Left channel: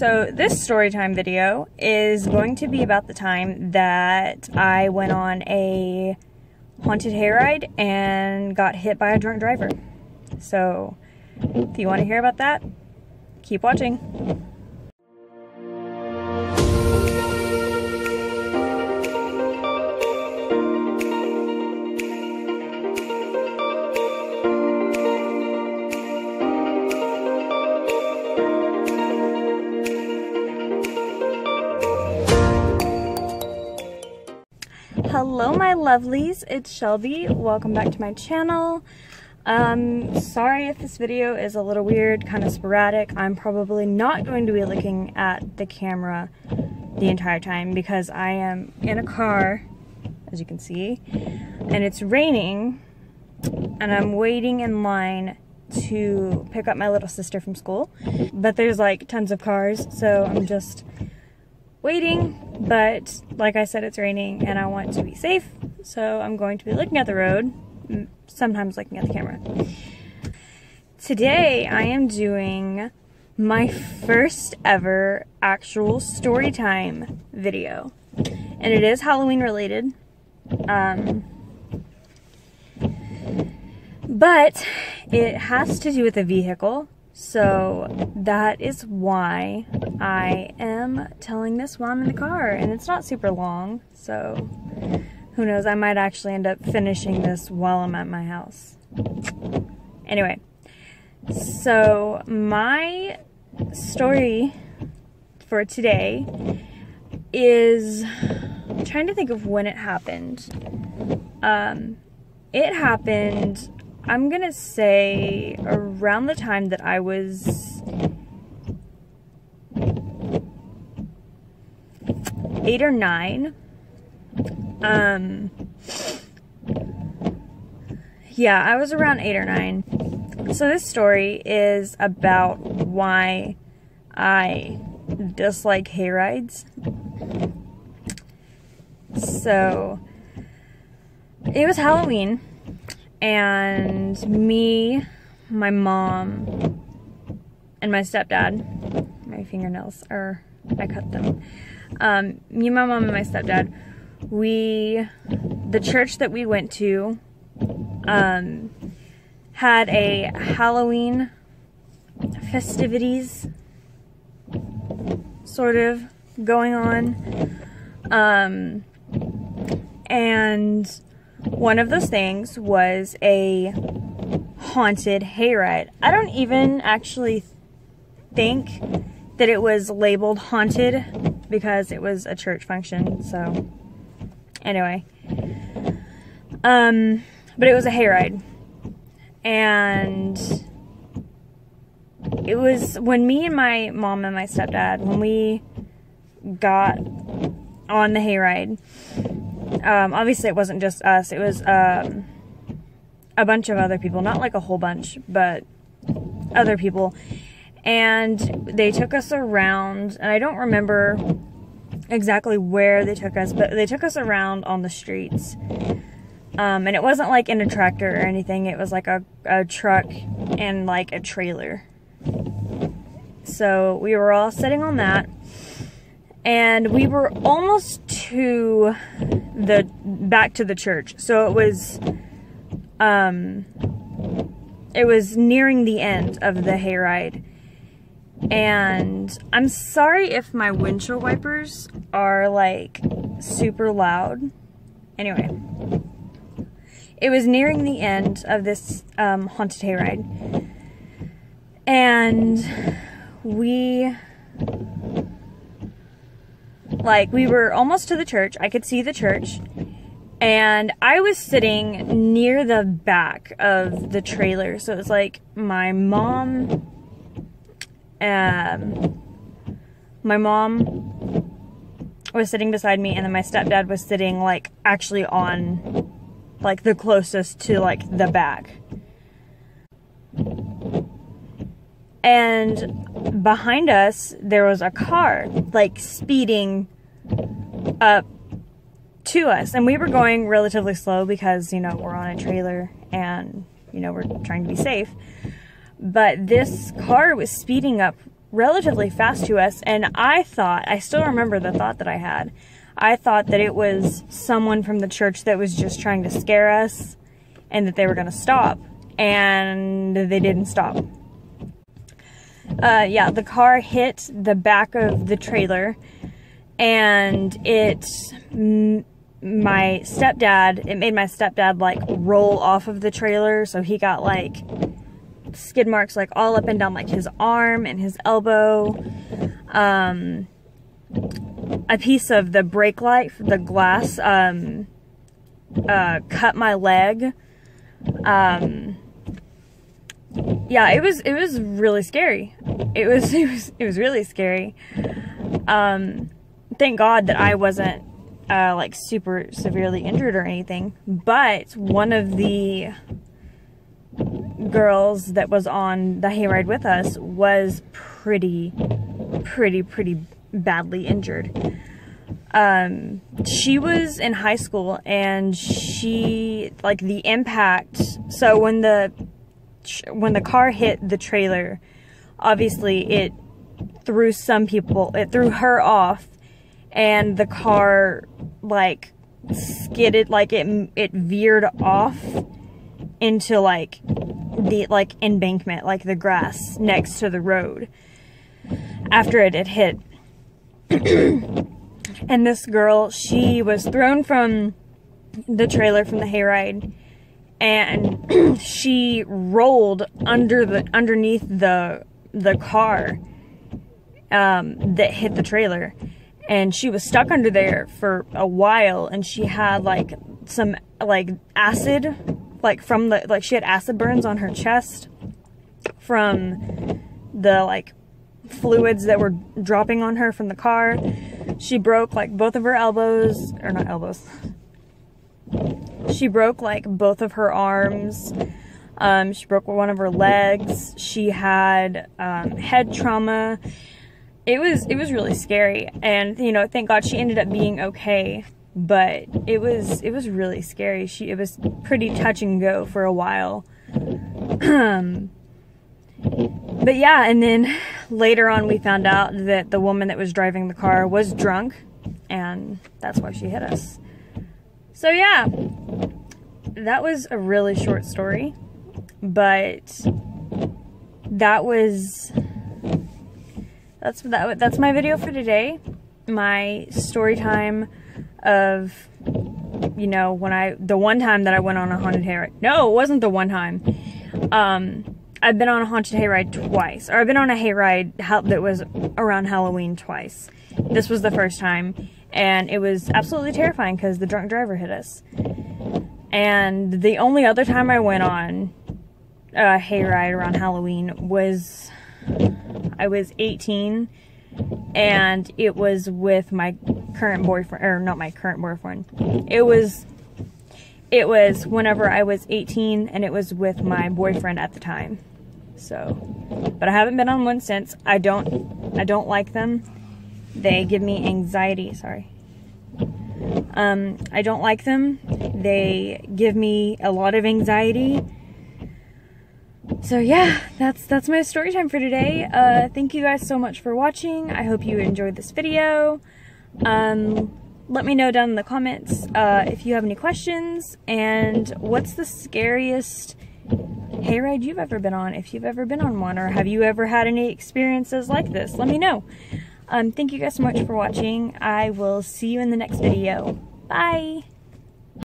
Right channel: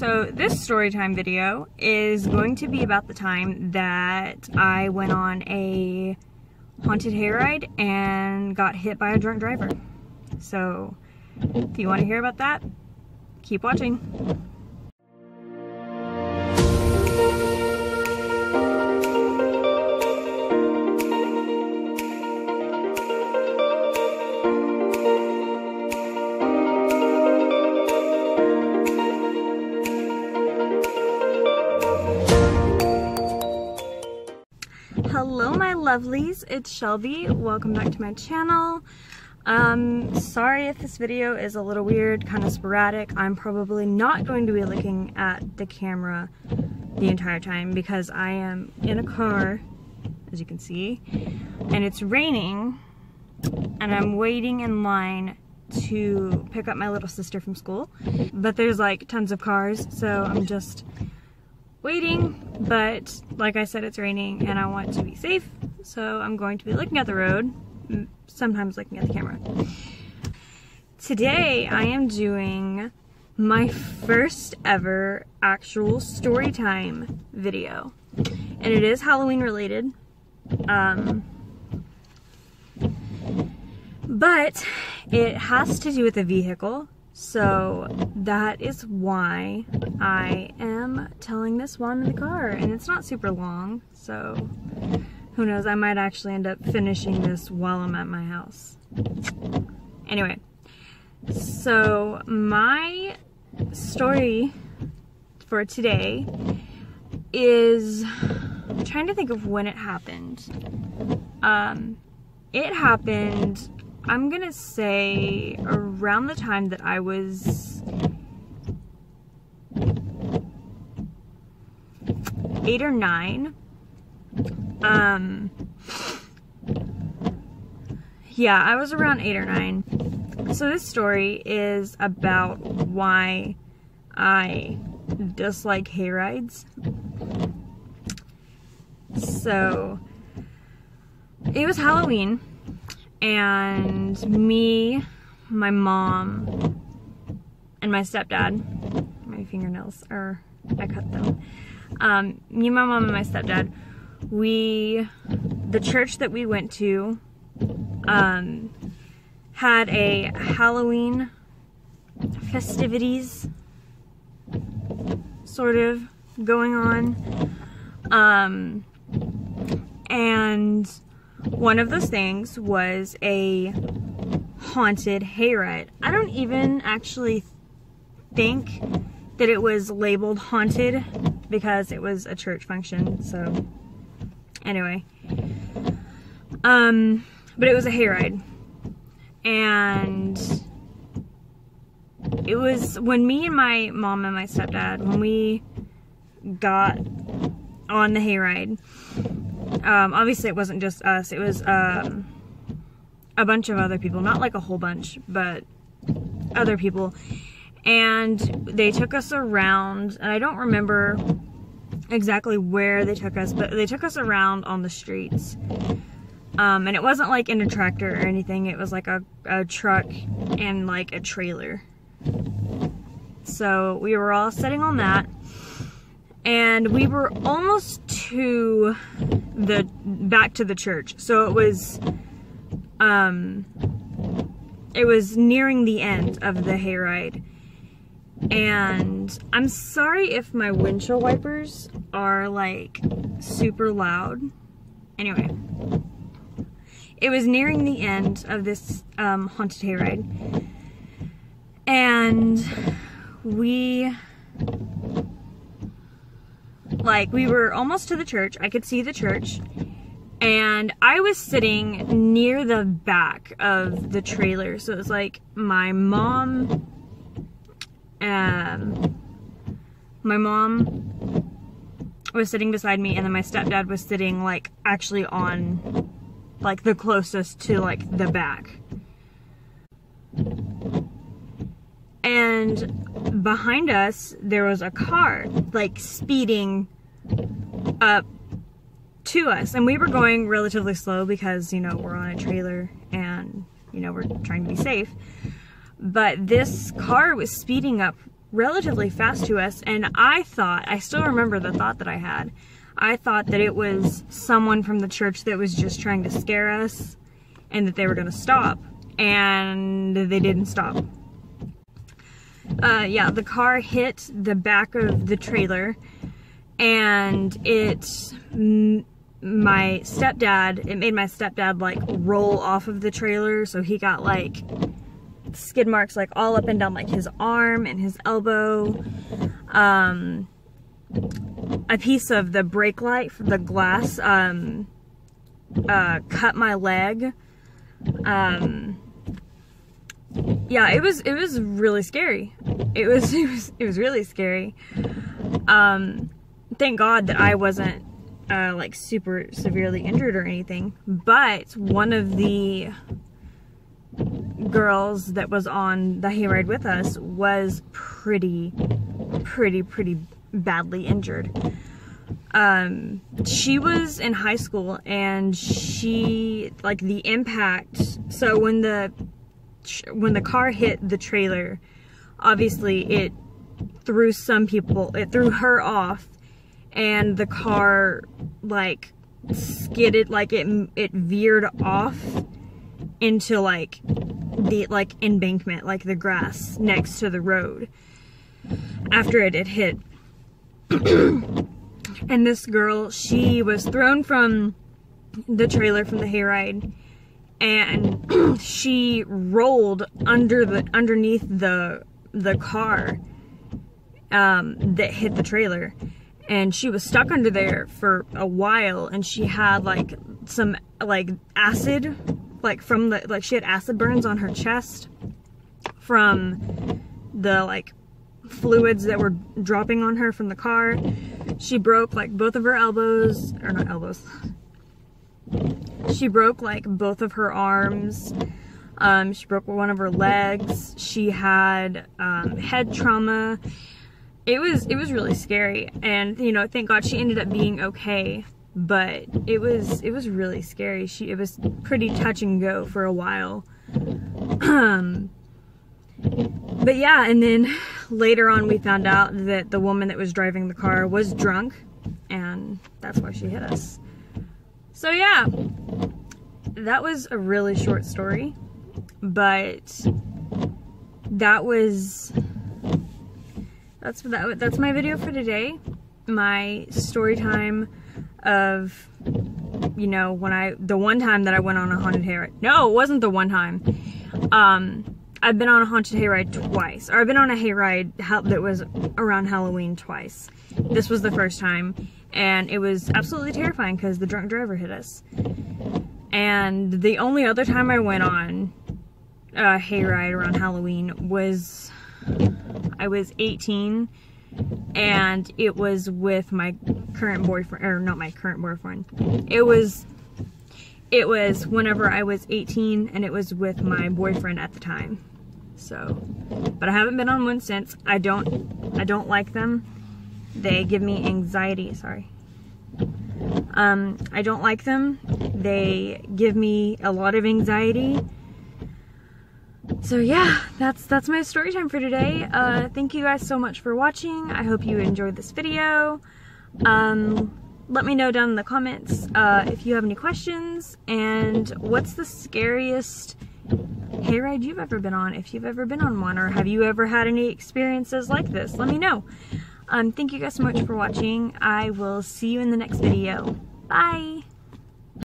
So this storytime video is going to be about the time that I went on a haunted hayride and got hit by a drunk driver. So if you want to hear about that, keep watching. Hello my lovelies, it's Shelby. Welcome back to my channel. Sorry if this video is a little weird, kind of sporadic. I'm probably not going to be looking at the camera the entire time because I am in a car, as you can see, and it's raining, and I'm waiting in line to pick up my little sister from school. But there's like tons of cars, so I'm just waiting. But like I said, it's raining and I want to be safe, so I'm going to be looking at the road, sometimes looking at the camera. Today I am doing my first ever actual story time video, and it is Halloween related, but it has to do with a vehicle. So that is why I am telling this while I'm in the car, and it's not super long, so who knows, I might actually end up finishing this while I'm at my house. Anyway, so my story for today is, I'm trying to think of when it happened. It happened, I'm gonna say, around the time that I was 8 or 9. Yeah, I was around 8 or 9. So this story is about why I dislike hayrides. So it was Halloween, and me, my mom, and my stepdad, my fingernails are, I cut them. Me, my mom, and my stepdad, the church that we went to, had a Halloween festivities sort of going on. And one of those things was a haunted hayride. I don't even actually think that it was labeled haunted because it was a church function, so anyway. But it was a hayride. And it was when me and my mom and my stepdad, when we got on the hayride, obviously it wasn't just us, it was a bunch of other people, not like a whole bunch, but other people, and they took us around, and I don't remember exactly where they took us, but they took us around on the streets, and it wasn't like in a tractor or anything, it was like a truck and like a trailer. So we were all sitting on that, and we were almost to back to the church. So it was nearing the end of the hayride. And I'm sorry if my windshield wipers are like super loud. Anyway, it was nearing the end of this haunted hayride, and we were almost to the church. I could see the church, and I was sitting near the back of the trailer. So it was like my mom was sitting beside me, and then my stepdad was sitting like actually on like the closest to like the back. And behind us there was a car like speeding up to us, and we were going relatively slow because, you know, we're on a trailer and, you know, we're trying to be safe. But this car was speeding up relatively fast to us, and I still remember the thought that I had. I thought that it was someone from the church that was just trying to scare us and that they were going to stop, and they didn't stop. Yeah, the car hit the back of the trailer, and it made my stepdad like roll off of the trailer, so he got like skid marks like all up and down like his arm and his elbow. A piece of the brake light, the glass, cut my leg. Yeah, it was really scary. It was really scary. Thank God that I wasn't like super severely injured or anything, but one of the girls that was on the hayride with us was pretty badly injured. She was in high school, and she, like, the impact, so when the car hit the trailer, obviously it threw her off, and the car like skidded, like it veered off into like the embankment, like the grass next to the road after it had hit. And this girl, she was thrown from the trailer from the hayride, and she rolled underneath the car that hit the trailer, and she was stuck under there for a while, and she had like some like acid, like from the, like she had acid burns on her chest from the like fluids that were dropping on her from the car. She broke like both of her elbows, or not elbows. She broke like both of her arms. She broke one of her legs. She had head trauma. It was really scary, and you know, thank God she ended up being okay. But it was really scary. It was pretty touch and go for a while. But yeah, and then later on we found out that the woman that was driving the car was drunk, and that's why she hit us. So yeah, that was a really short story, but that's my video for today. My story time of, you know, the one time that I went on a haunted hayride. No, it wasn't the one time. I've been on a haunted hayride twice, or I've been on a hayride that was around Halloween twice. This was the first time, and it was absolutely terrifying because the drunk driver hit us. And the only other time I went on a hayride around Halloween was, I was 18, and it was with my current boyfriend, or not my current boyfriend. It was whenever I was 18, and it was with my boyfriend at the time. So, but I haven't been on one since. I don't like them. They give me anxiety. Sorry. I don't like them. They give me a lot of anxiety. So yeah, that's my story time for today. Thank you guys so much for watching. I hope you enjoyed this video. Let me know down in the comments if you have any questions, and what's the scariest hayride you've ever been on, if you've ever been on one, or have you ever had any experiences like this? Let me know. Thank you guys so much for watching. I will see you in the next video. Bye!